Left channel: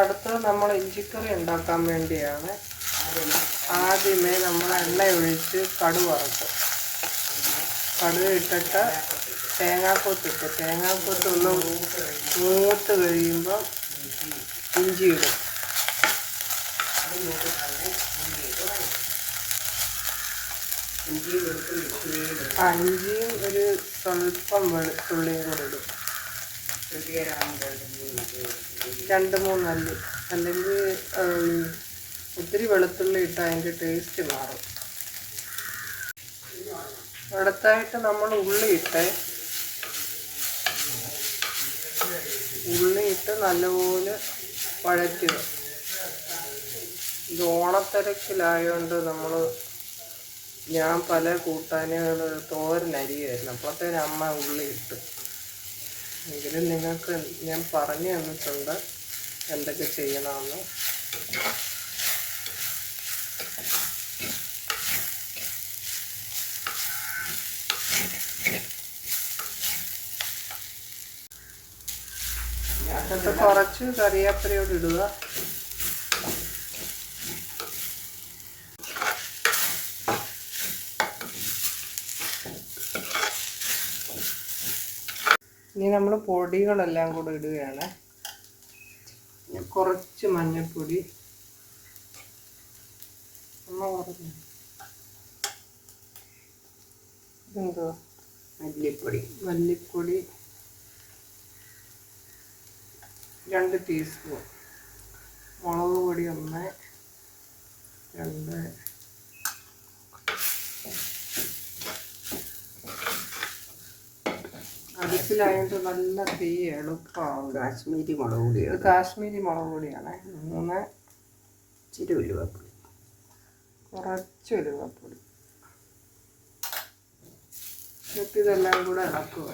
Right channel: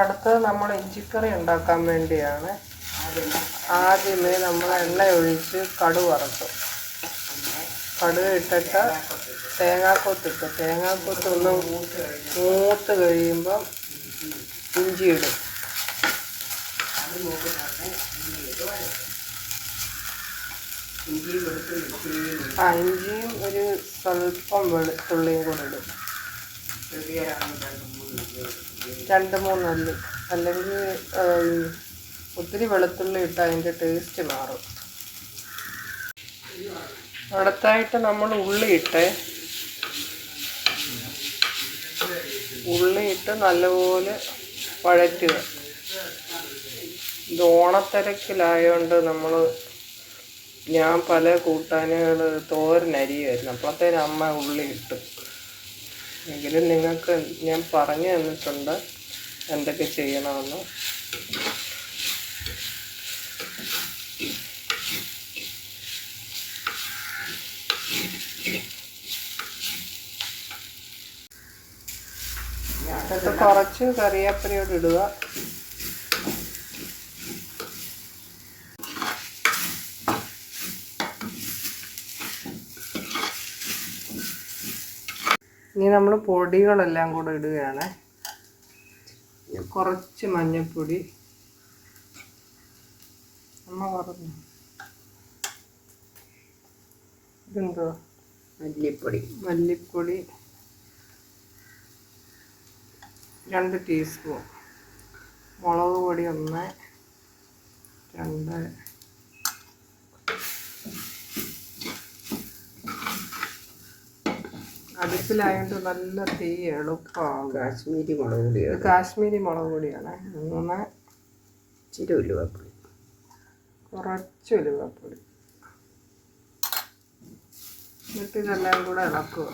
അടുത്തത് നമ്മൾ ഇഞ്ചിക്കറി ഉണ്ടാക്കാൻ വേണ്ടിയാണ്. ആദ്യമേ നമ്മൾ എണ്ണ ഒഴിച്ച് കടുക് വറുത്തു. കടുക് ഇട്ടിട്ട് തേങ്ങാക്കൊത്തിട്ടു. തേങ്ങാക്കൊത്തൊന്ന് മൂത്ത് കഴിയുമ്പോൾ ഇഞ്ചി ഇടും. ഇഞ്ചിയും ഒരു സ്വല്പം വെളുത്തുള്ളിയും കൂടെ ഇടും. 2-3 അല്ലി. അല്ലെങ്കിൽ ഒത്തിരി വെളുത്തുള്ളി ഇട്ട് അതിൻ്റെ ടേസ്റ്റ് മാറും. അടുത്തായിട്ട് നമ്മൾ ഉള്ളിയിട്ട് നല്ലപോലെ വഴറ്റുക. ഇത് ഓണത്തിരക്കിലായതുകൊണ്ട് ഞാൻ പല കൂട്ടാനുകൾ തോരനരിയായിരുന്നു. അപ്പോഴത്തേനും അമ്മ ഉള്ളി ഇട്ടു. എങ്കിലും നിങ്ങൾക്ക് ഞാൻ പറഞ്ഞു തന്നിട്ടുണ്ട് എന്തൊക്കെ ചെയ്യണമെന്ന്. എന്നിട്ട് കുറച്ച് കറിവേപ്പിലയോട് ഇടുക. ഇനി നമ്മൾ പൊടികളെല്ലാം കൂടെ ഇടുകയാണ്. കുറച്ച് മഞ്ഞൾപ്പൊടി, അമ്മ പറഞ്ഞു ഇതെന്തോ മല്ലിപ്പൊടി 2 ടീസ്പൂൺ, മുളക് പൊടി 1, 2, അടുപ്പിലായിട്ട് നല്ല തീ എളുപ്പമാകും. കാശ്മീരി മുളക് പൊടിയാണ്. 3 ഇച്ചിരി ഉലുവപ്പൊടി, കുറച്ച് ഉലുവപ്പൊടി. എന്നിട്ട് ഇതെല്ലാം കൂടെ ഇളക്കുക.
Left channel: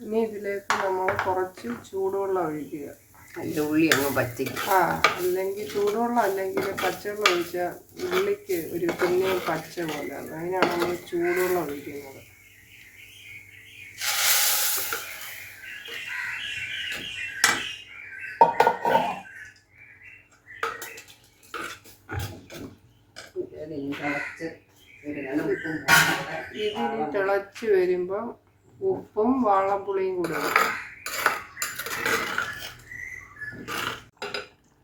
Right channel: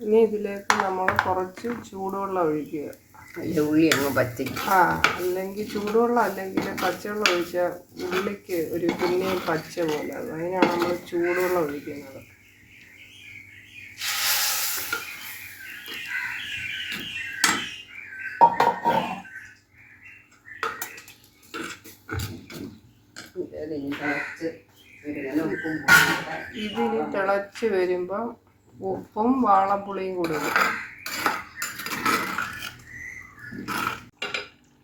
ഇനി ഇതിലേക്ക് നമ്മൾ കുറച്ച് ചൂടുവെള്ളം ഒഴിക്കുക. ഉള്ളി അങ്ങ് പച്ചയ്ക്ക്. അല്ലെങ്കിൽ ചൂടുവെള്ളം അല്ലെങ്കിൽ പച്ചവെള്ളം ഒഴിച്ചാൽ ഉള്ളിക്ക് ഒരു പിന്നെയും പച്ച പോലെ. അതിനാണ് നമ്മൾ ചൂടുവെള്ളം ഒഴിക്കുന്നത്. ഇതിന് തിളച്ച് വരുമ്പം ഉപ്പും വാളംപുളിയും കൂടി ഇടും.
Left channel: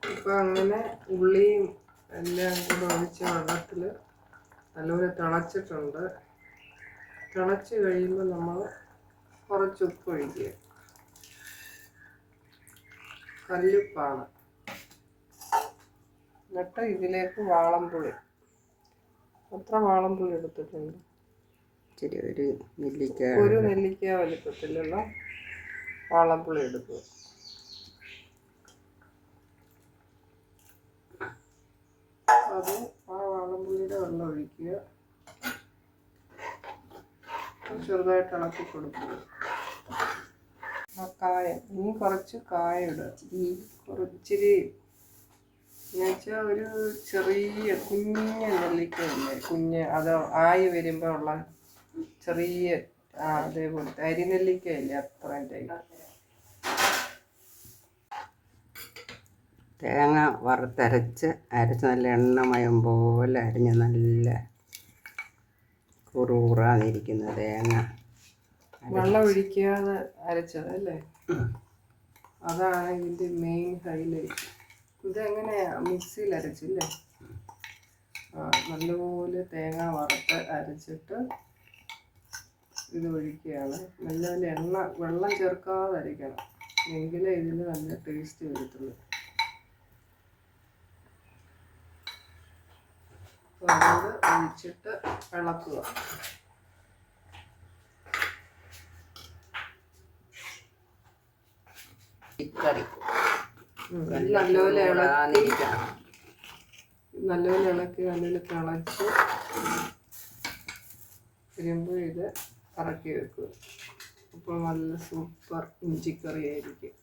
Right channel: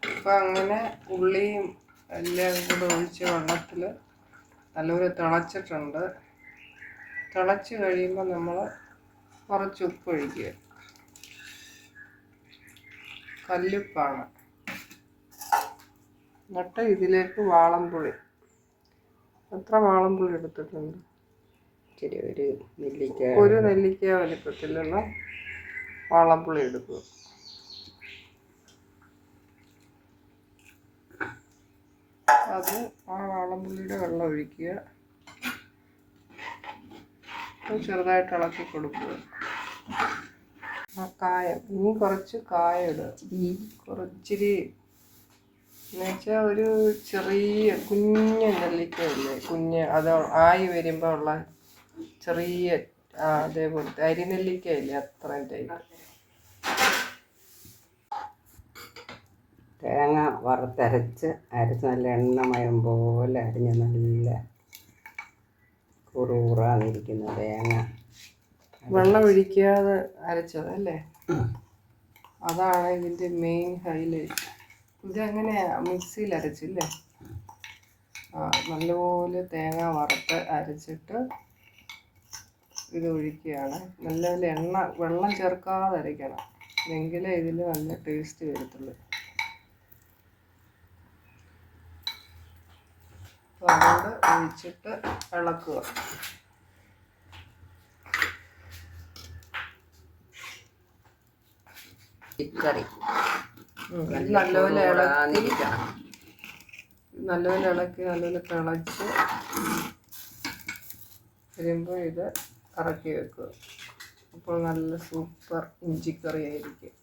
അപ്പം അങ്ങനെ ഉള്ളിയും എല്ലാം കൂടെ ഒഴിച്ച് വെള്ളത്തിൽ നല്ലപോലെ തിളച്ചിട്ടുണ്ട്. തിളച്ച് കഴിയുമ്പോൾ നമ്മൾ കുറച്ച് ഉപ്പ് ഒഴിക്കുക. കല്ലുപ്പാണ്. എന്നിട്ട് ഇതിലേക്ക് വാളംപുളി. എത്ര വാളംപുളി എടുത്തിട്ടുണ്ട്? ഒരു നെല്ലിക്ക വലിപ്പത്തിലുള്ള വാളംപുളി എടുക്കുക. അത് ആ വാളംപുളിയുടെ വെള്ളം ഒഴിക്കുക. ചെറുതായിട്ട് ഇളക്കി കൊടുക്കുക. കായം, ഇനി കുറച്ച് കായം ഇടുക. കുറച്ചിരി എന്നുവെച്ചാൽ ഒരു ചെറിയ കുഞ്ഞ് നെല്ലിക്കയില്ലേ, അത് ആയി വരുമ്പോൾ ഉള്ള ചെറിയ അതേപോലത്തെ അരിനെല്ലിക്കയില്ലേ, അത്രയും ടൈപ്പ്. തേങ്ങ വറുത്തരച്ച് നല്ല എണ്ണമയം പോലെ അരിഞ്ഞ് നല്ല കുറുകുറാന്നിരിക്കുന്ന തേങ്ങ വെള്ളം ഒഴിക്കാതെ അരച്ചതല്ലേ, അതാണ് ഇതിൻ്റെ മെയിൻ ഹൈലൈറ്റ്. ഇതെങ്ങനെ മിക്സിയിൽ അരച്ചില്ലേ? നല്ലപോലെ തേങ്ങ വറുത്ത് അരച്ചിട്ട് ഇത് ഒഴിക്കുകയാണ്. നല്ലപോലെ വെള്ളം ചേർക്കാതെ അരയ്ക്കണം, എങ്കിലേ ഇതിൽ നല്ല ടേസ്റ്റ് വരത്തുള്ളൂ. അതുകൊണ്ട് ഒഴിച്ചിട്ട് ഇളക്കുക. കറി നല്ലപോലെ ഇളക്കി നല്ലപോലെ തിളച്ച് വരുമ്പോൾ ഇത് ഇറക്കി വെക്കുക. അപ്പോൾ നല്ല സൂപ്പർ ഇഞ്ചിക്കറി ആയിരിക്കും.